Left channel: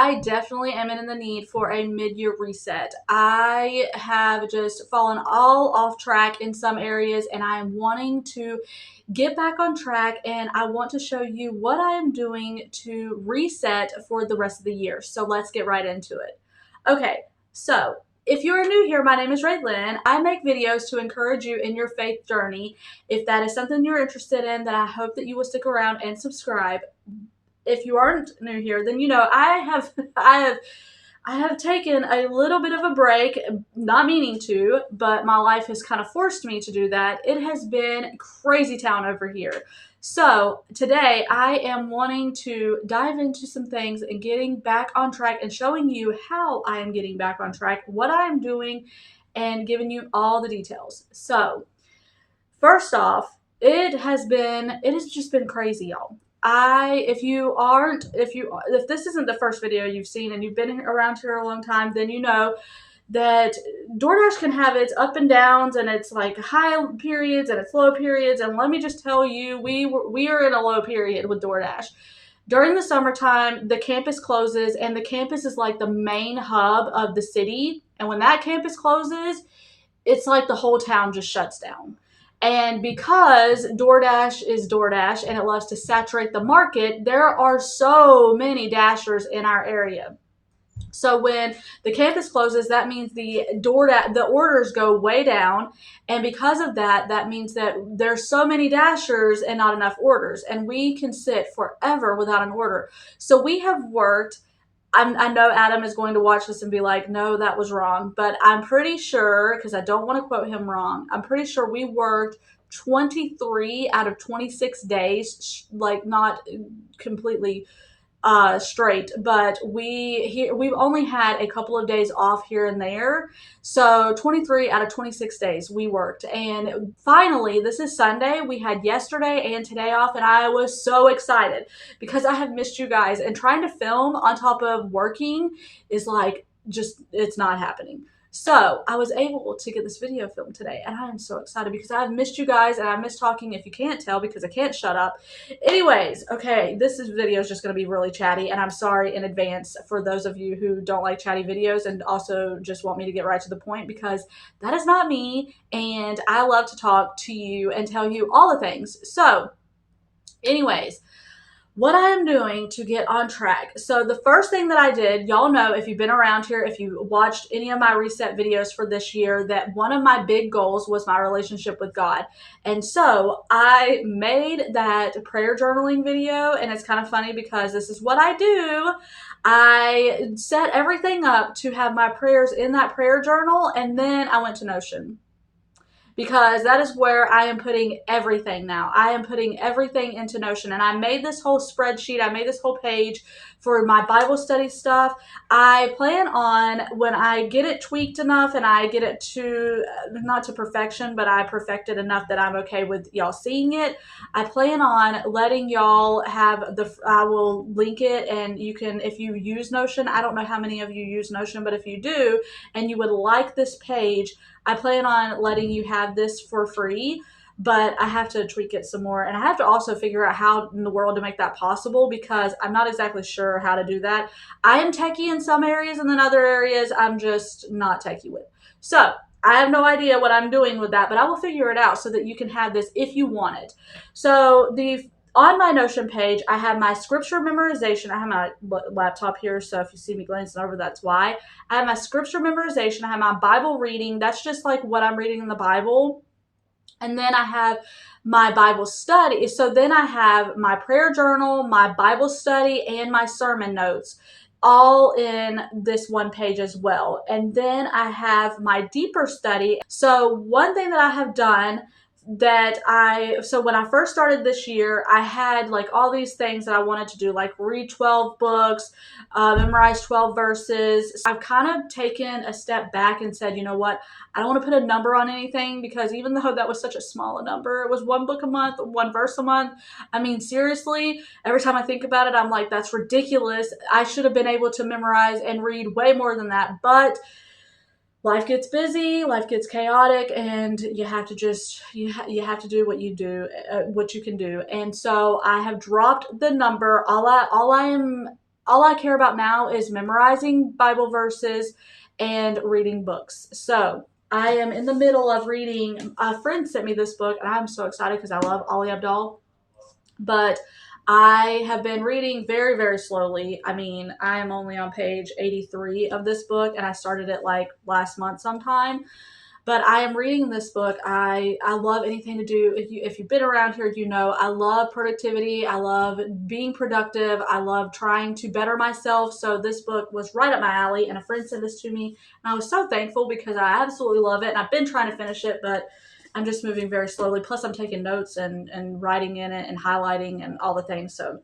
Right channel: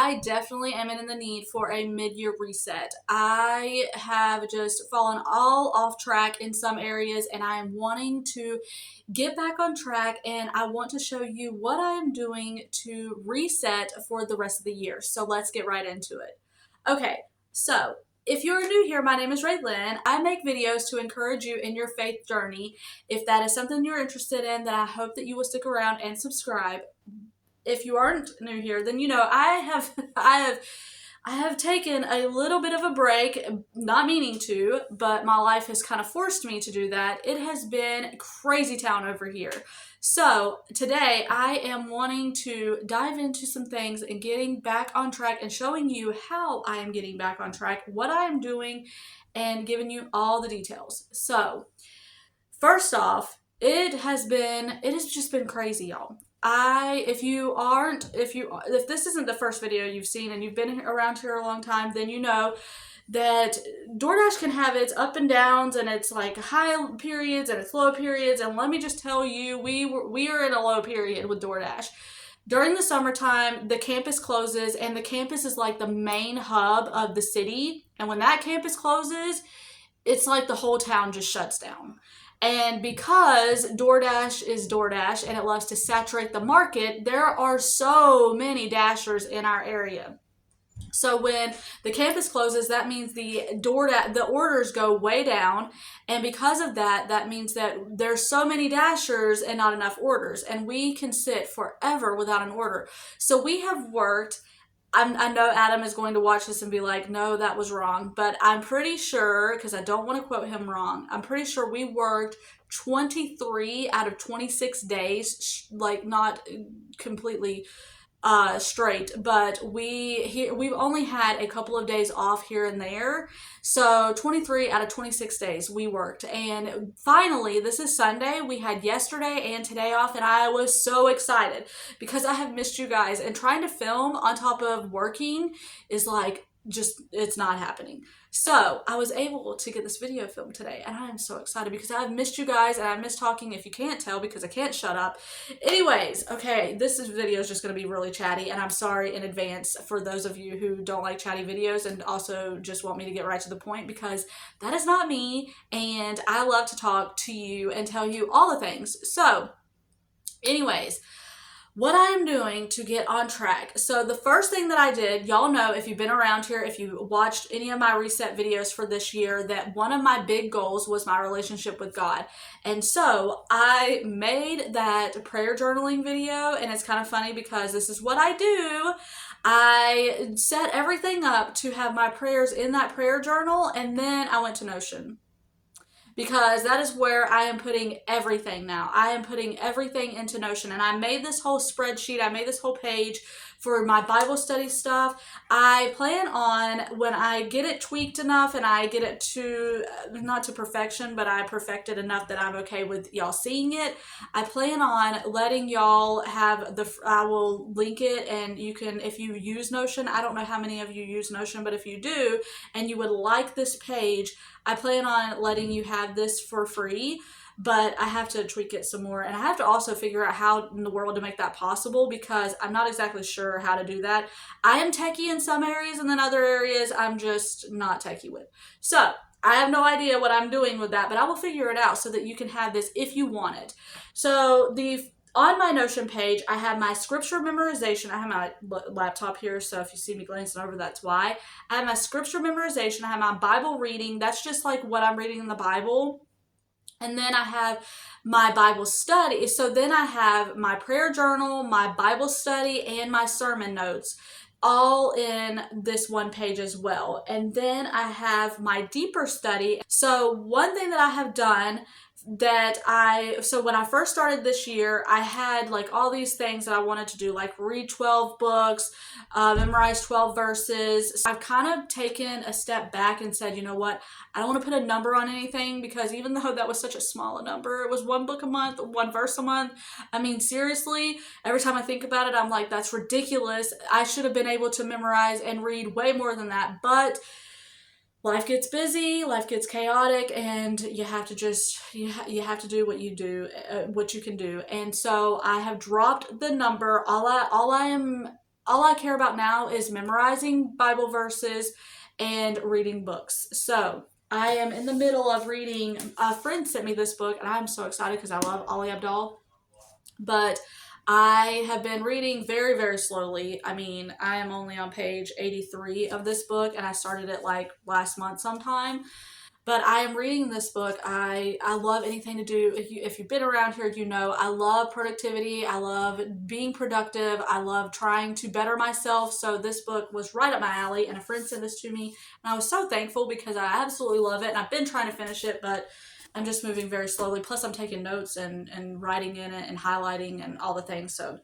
I definitely am in the need for a mid-year reset. I have just fallen all off track in some areas, and I am wanting to get back on track, and I want to show you what I am doing to reset for the rest of the year. So let's get right into it. Okay, so if you're new here, my name is Raylynn. I make videos to encourage you in your faith journey. If that is something you're interested in, then I hope that you will stick around and subscribe. If you aren't new here, then you know I have I have taken a little bit of a break, not meaning to, but my life has kind of forced me to do that. It has been crazy town over here. So today I am wanting to dive into some things and getting back on track and showing you how I am getting back on track, what I am doing, and giving you all the details. So first off, it has just been crazy, y'all. If this isn't the first video you've seen and you've been around here a long time, then you know that DoorDash can have its up and downs, and it's like high periods and it's low periods. And let me just tell you, we are in a low period with DoorDash. During the summertime, the campus closes, and the campus is like the main hub of the city. And when that campus closes, it's like the whole town just shuts down. And because DoorDash is DoorDash and it loves to saturate the market, there are so many Dashers in our area. So when the campus closes, that means the orders go way down, and because of that, that means that there's so many Dashers and not enough orders, and we can sit forever without an order. So we have worked. I know Adam is going to watch this and be like, no, that was wrong. But I'm pretty sure, because I don't want to quote him wrong, I'm pretty sure we worked 23 out of 26 days, like not completely straight, but we've only had a couple of days off here and there. So 23 out of 26 days we worked. And finally, this is Sunday. We had yesterday and today off, and I was so excited because I have missed you guys, and trying to film on top of working is like it's not happening. So I was able to get this video filmed today, and I am so excited because I've missed you guys and I miss talking, if you can't tell, because I can't shut up. Anyways, okay, video is just going to be really chatty, and I'm sorry in advance for those of you who don't like chatty videos and also just want me to get right to the point, because that is not me, and I love to talk to you and tell you all the things. So anyways, what I am doing to get on track. So the first thing that I did, y'all know, if you've been around here, if you watched any of my reset videos for this year, that one of my big goals was my relationship with God. And so I made that prayer journaling video, and it's kind of funny because this is what I do. I set everything up to have my prayers in that prayer journal, and then I went to Notion, because that is where I am putting everything now. I am putting everything into Notion, and I made this whole spreadsheet. I made this whole page for my Bible study stuff. I plan on, when I get it tweaked enough and I get it to, not to perfection, but I perfect it enough that I'm okay with y'all seeing it, I plan on letting y'all have I will link it, and you can, if you use Notion, I don't know how many of you use Notion, but if you do, and you would like this page, I plan on letting you have this for free, but I have to tweak it some more. And I have to also figure out how in the world to make that possible, because I'm not exactly sure how to do that. I am techie in some areas, and then other areas I'm just not techie with. So I have no idea what I'm doing with that, but I will figure it out so that you can have this if you want it. So on my Notion page, I have my scripture memorization. I have my laptop here, so if you see me glancing over, that's why. I have my scripture memorization. I have my Bible reading. That's just like what I'm reading in the Bible. And then I have my Bible study. So then I have my prayer journal, my Bible study, and my sermon notes, all in this one page as well. And then I have my deeper study. So one thing that I have done so when I first started this year, I had like all these things that I wanted to do, like read 12 books, memorize 12 verses. I've kind of taken a step back and said, you know what? I don't want to put a number on anything, because even though that was such a small number, it was one book a month, one verse a month. I mean, seriously, every time I think about it, I'm like, that's ridiculous. I should have been able to memorize and read way more than that. But life gets busy, life gets chaotic, and you have to just, you have to do what you do, what you can do. And so I have dropped the number. All I am all I care about now is memorizing Bible verses and reading books. So I am in the middle of reading. A friend sent me this book, and I'm so excited because I love Ali Abdaal. But I have been reading very, very slowly. I mean, I am only on page 83 of this book, and I started it like last month sometime. But I am reading this book. I love anything to do. If you've been around here, you know I love productivity. I love being productive. I love trying to better myself. So this book was right up my alley, and a friend sent this to me, and I was so thankful because I absolutely love it. And I've been trying to finish it, but I'm just moving very slowly. Plus, I'm taking notes and writing in it and highlighting and all the things. So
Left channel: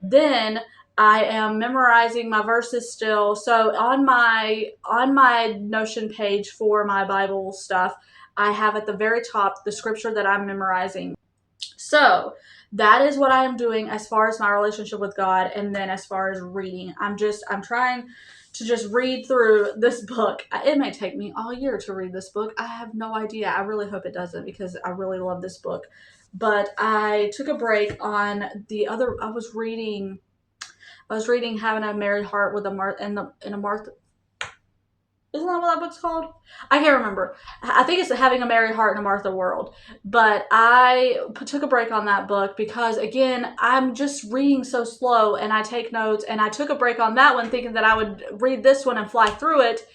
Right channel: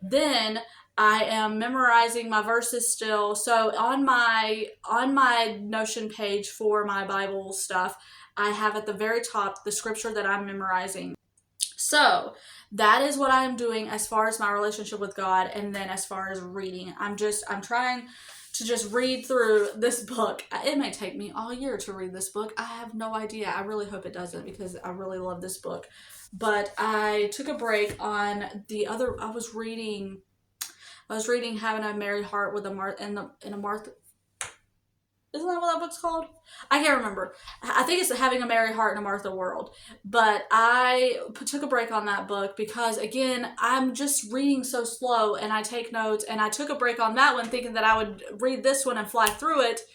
then I am memorizing my verses still. So on my Notion page for my Bible stuff, I have at the very top the scripture that I'm memorizing. So that is what I'm doing as far as my relationship with God, and then as far as reading, I'm trying to just read through this book. It may take me all year to read this book. I have no idea. I really hope it doesn't because I really love this book. But I took a break on the other. I was reading Having a Merry Heart with a Martha in a Martha. Isn't that what that book's called? I can't remember. I think it's Having a Merry Heart in a Martha World. But I took a break on that book because, again, I'm just reading so slow and I take notes. And I took a break on that one thinking that I would read this one and fly through it.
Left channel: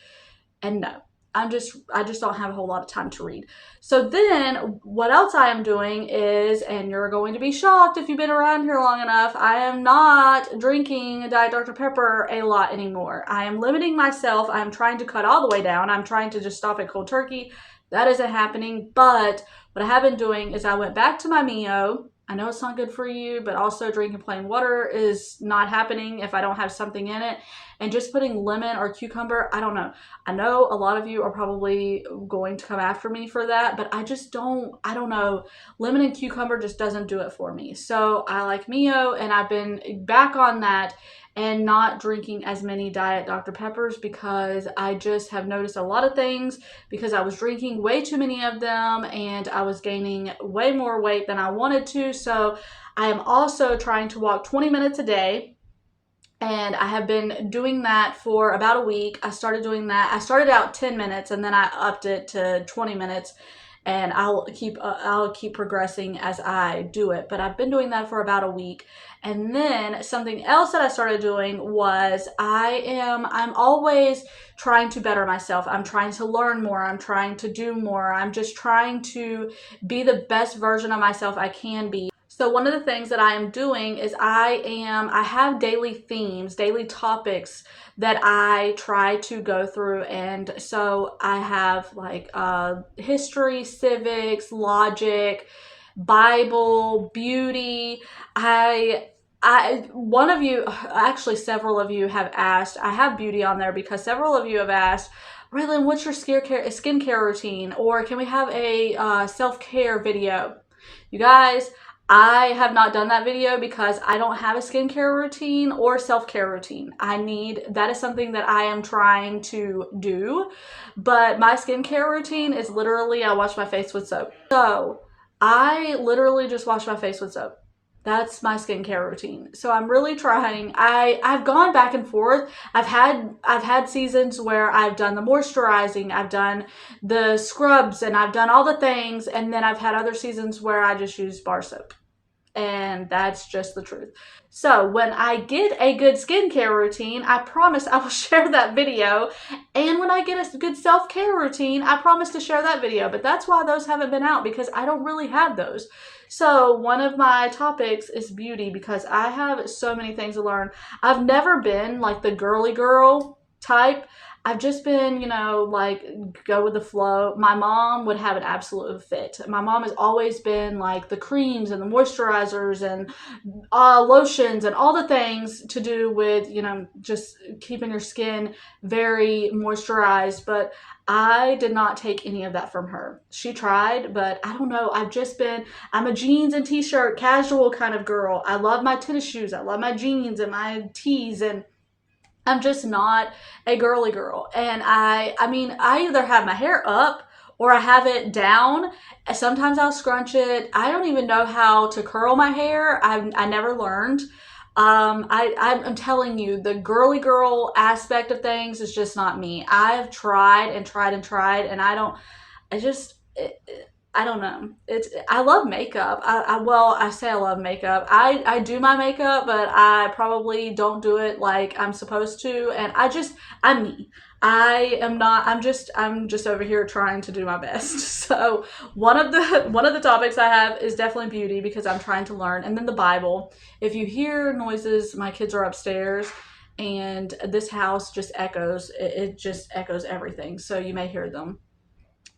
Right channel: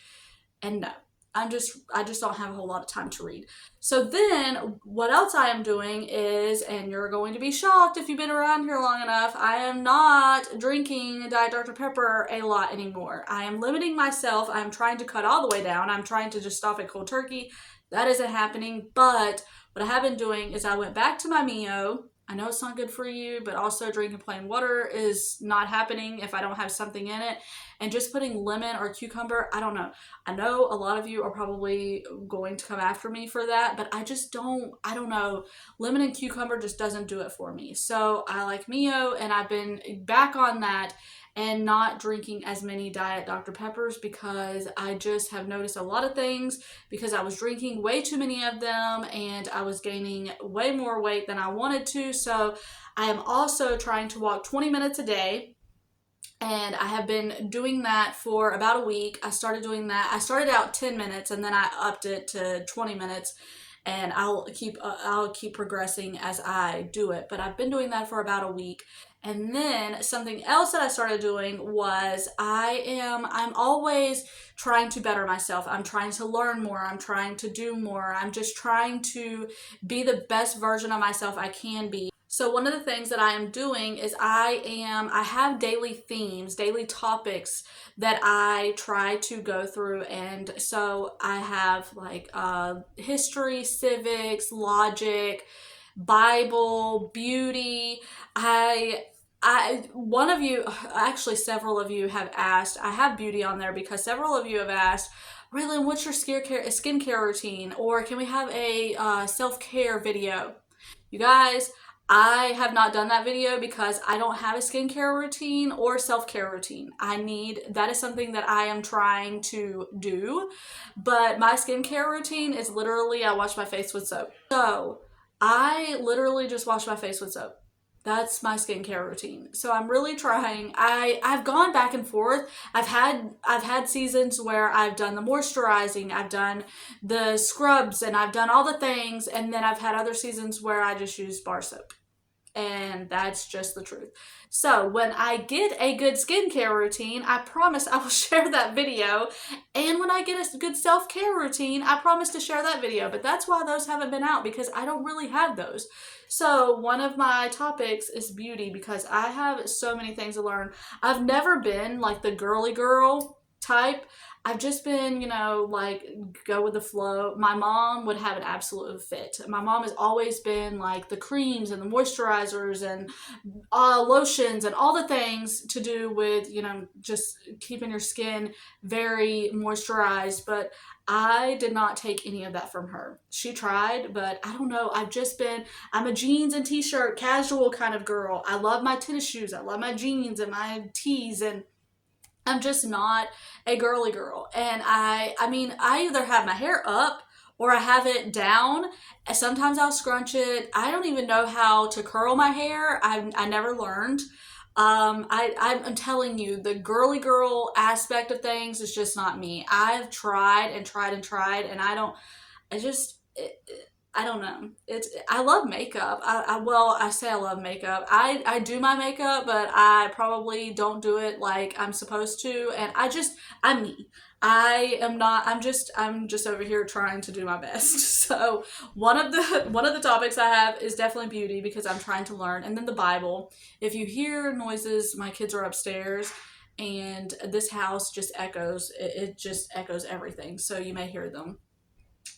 And no, I just don't have a whole lot of time to read. So then what else I am doing is, and you're going to be shocked if you've been around here long enough, I am not drinking Diet Dr. Pepper a lot anymore. I am limiting myself. I'm trying to cut all the way down. I'm trying to just stop at cold turkey. That isn't happening. But what I have been doing is I went back to my Mio. I know it's not good for you, but also drinking plain water is not happening if I don't have something in it. And just putting lemon or cucumber, I don't know. I know a lot of you are probably going to come after me for that, but I don't know. Lemon and cucumber just doesn't do it for me. So I like Mio, and I've been back on that and not drinking as many Diet Dr. Peppers because I just have noticed a lot of things because I was drinking way too many of them and I was gaining way more weight than I wanted to. So I am also trying to walk 20 minutes a day. And I have been doing that for about a week. I started doing that. I started out 10 minutes and then I upped it to 20 minutes. And I'll keep progressing as I do it. But I've been doing that for about a week. And then something else that I started doing was I'm always trying to better myself. I'm trying to learn more. I'm trying to do more. I'm just trying to be the best version of myself I can be. So one of the things that I am doing is I have daily themes, daily topics that I try to go through. And so I have like history, civics, logic, Bible, beauty. One of you, actually several of you have asked, I have beauty on there because several of you have asked, Raylynn, what's your skincare routine? Or can we have a self-care video? You guys, I have not done that video because I don't have a skincare routine or self-care routine. That is something that I am trying to do, but my skincare routine is literally I wash my face with soap. So I literally just wash my face with soap. That's my skincare routine. So I'm really trying. I've gone back and forth. I've had seasons where I've done the moisturizing, I've done the scrubs, and I've done all the things, and then I've had other seasons where I just use bar soap. And that's just the truth. So when I get a good skincare routine, I promise I will share that video. And when I get a good self-care routine, I promise to share that video. But that's why those haven't been out, because I don't really have those. So one of my topics is beauty because I have so many things to learn. I've never been like the girly girl type. I've just been, like go with the flow. My mom would have an absolute fit. My mom has always been like the creams and the moisturizers and lotions and all the things to do with, just keeping your skin very moisturized. But I did not take any of that from her. She tried, but I don't know. I'm a jeans and t-shirt casual kind of girl. I love my tennis shoes. I love my jeans and my tees, and I'm just not a girly girl. And I either have my hair up or I have it down. Sometimes I'll scrunch it. I don't even know how to curl my hair. I never learned. I'm telling you, the girly girl aspect of things is just not me. I've tried and tried and tried, and I just, I don't know. I love makeup. Well, I say I love makeup. I do my makeup, but I probably don't do it like I'm supposed to. And I'm me. I am not, I'm just over here trying to do my best. So one of the topics I have is definitely beauty because I'm trying to learn. And then the Bible. If you hear noises, my kids are upstairs and this house just echoes. It just echoes everything. So you may hear them.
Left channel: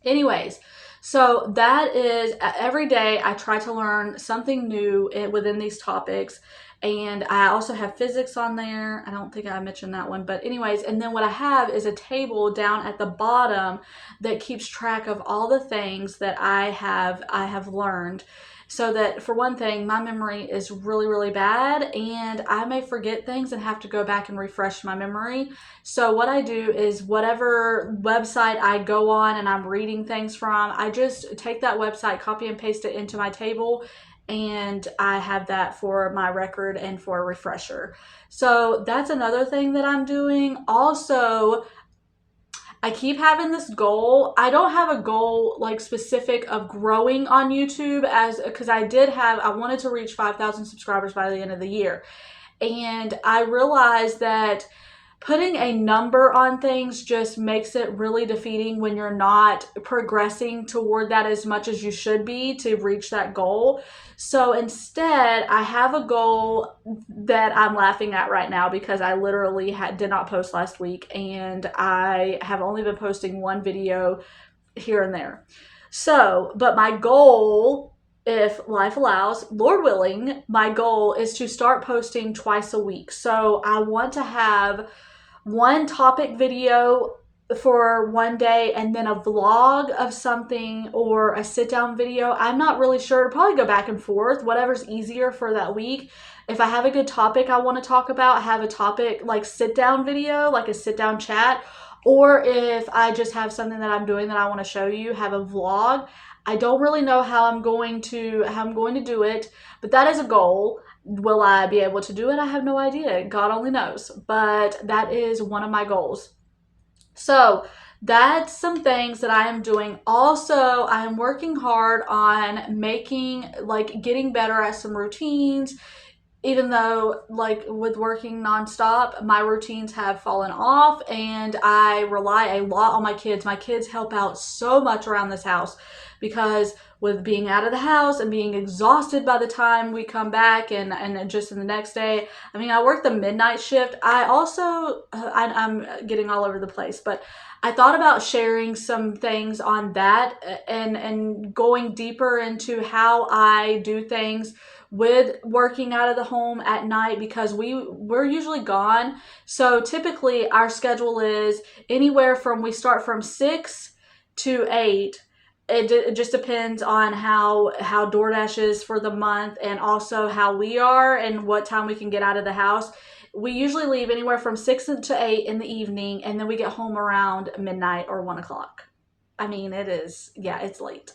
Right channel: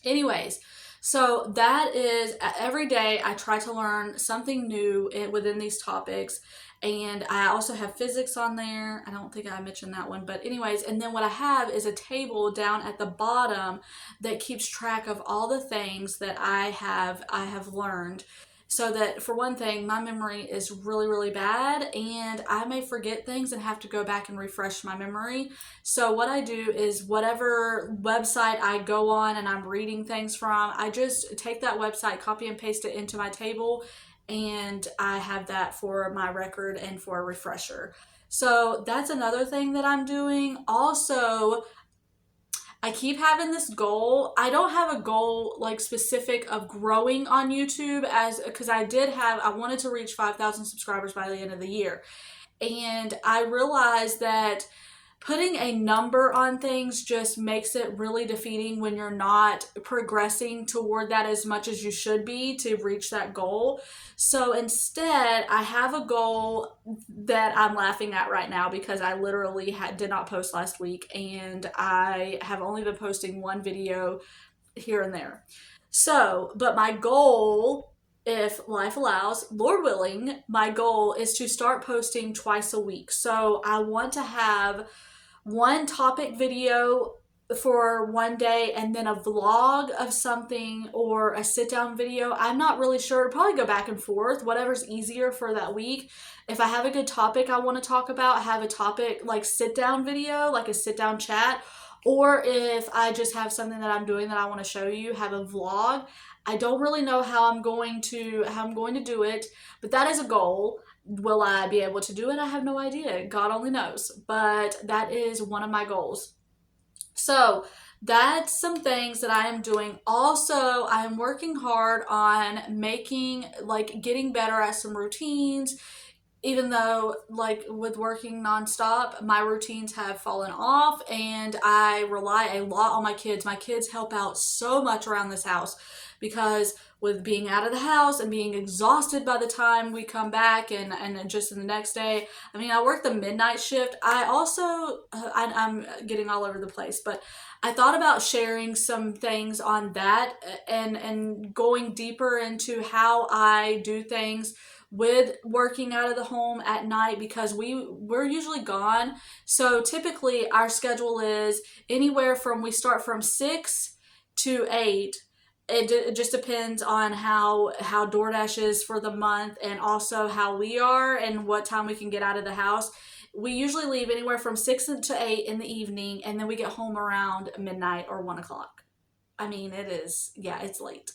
Anyways, so that is every day I try to learn something new within these topics. And I also have physics on there. I don't think I mentioned that one, but anyways, and then what I have is a table down at the bottom that keeps track of all the things that I have learned. So that for one thing, my memory is really, really bad and I may forget things and have to go back and refresh my memory. So what I do is whatever website I go on and I'm reading things from, I just take that website, copy and paste it into my table, and I have that for my record and for a refresher. So that's another thing that I'm doing. Also, I keep having this goal. I don't have a goal like specific of growing on YouTube as because I wanted to reach 5,000 subscribers by the end of the year. And I realized that putting a number on things just makes it really defeating when you're not progressing toward that as much as you should be to reach that goal. So instead, I have a goal that I'm laughing at right now because I literally did not post last week and I have only been posting one video here and there. So, but my goal, if life allows, Lord willing, my goal is to start posting twice a week. So I want to have one topic video for one day and then a vlog of something or a sit down video. I'm not really sure. Probably go back and forth, whatever's easier for that week. If I have a good topic I want to talk about, have a topic like sit down video, like a sit down chat. Or if I just have something that I'm doing that I want to show you, have a vlog. I don't really know how I'm going to do it, but that is a goal. Will I be able to do it? I have no idea. God only knows. But that is one of my goals. So that's some things that I am doing. Also, I am working hard on getting better at some routines. Even though, like, with working nonstop, my routines have fallen off and I rely a lot on my kids. My kids help out so much around this house because with being out of the house and being exhausted by the time we come back and just in the next day, I mean, I work the midnight shift. I also, I'm getting all over the place, but I thought about sharing some things on that and going deeper into how I do things with working out of the home at night because we're usually gone. So typically our schedule is anywhere from we start from 6 to 8. It just depends on how DoorDash is for the month and also how we are and what time we can get out of the house. We usually leave anywhere from 6 to 8 in the evening and then we get home around midnight or 1 o'clock. I mean, it's late.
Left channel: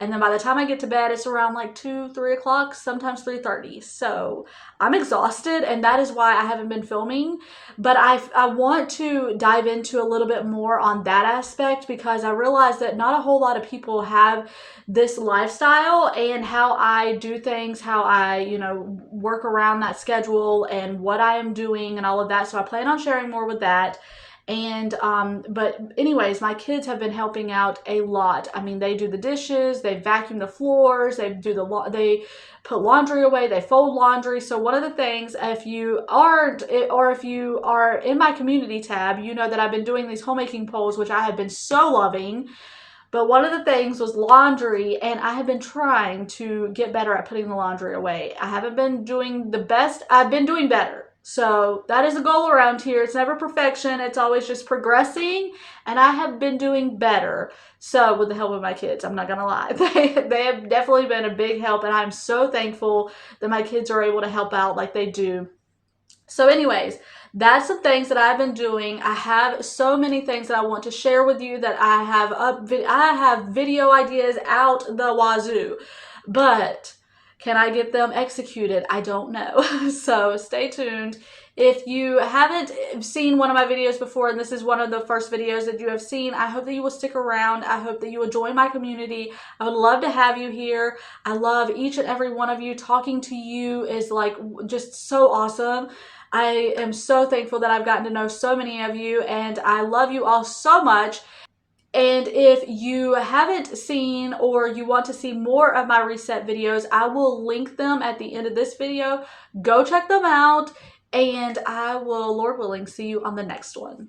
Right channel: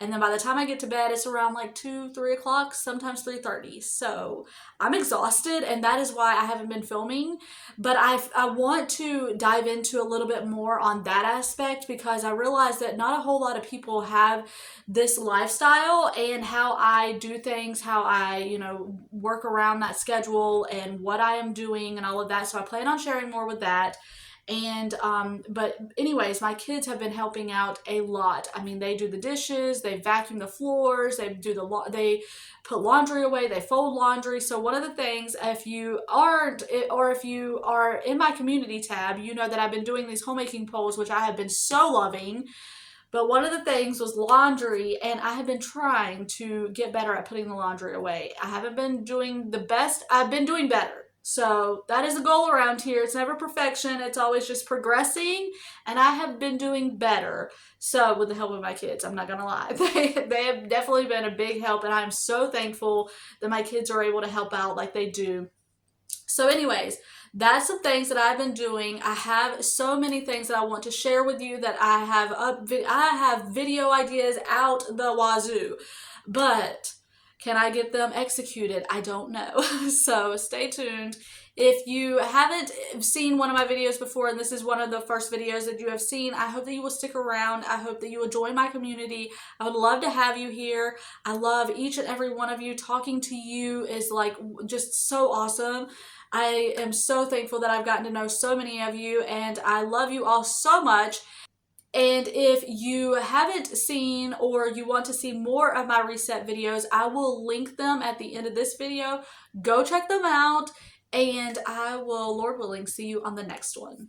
And then by the time I get to bed, it's around like 2, 3 o'clock, sometimes 3:30. So I'm exhausted, and that is why I haven't been filming. But I want to dive into a little bit more on that aspect because I realize that not a whole lot of people have this lifestyle and how I do things, how I, work around that schedule and what I am doing and all of that. So I plan on sharing more with that. And but anyways, my kids have been helping out a lot. I mean, they do the dishes, they vacuum the floors, they they put laundry away, they fold laundry. So one of the things, if you aren't or if you are in my community tab, you know that I've been doing these homemaking polls, which I have been so loving. But one of the things was laundry, and I have been trying to get better at putting the laundry away. I haven't been doing the best. I've been doing better. So that is a goal around here. It's never perfection. It's always just progressing, and I have been doing better. So with the help of my kids, I'm not going to lie. They have definitely been a big help, and I'm so thankful that my kids are able to help out like they do. So anyways, that's the things that I've been doing. I have so many things that I want to share with you that I have video ideas out the wazoo. But Can I get them executed? I don't know. So stay tuned. If you haven't seen one of my videos before, and this is one of the first videos that you have seen, I hope that you will stick around. I hope that you will join my community. I would love to have you here. I love each and every one of you. Talking to you is like just so awesome. I am so thankful that I've gotten to know so many of you, and I love you all so much. And if you haven't seen or you want to see more of my reset videos, I will link them at the end of this video. Go check them out, and I will, Lord willing, see you on the next one.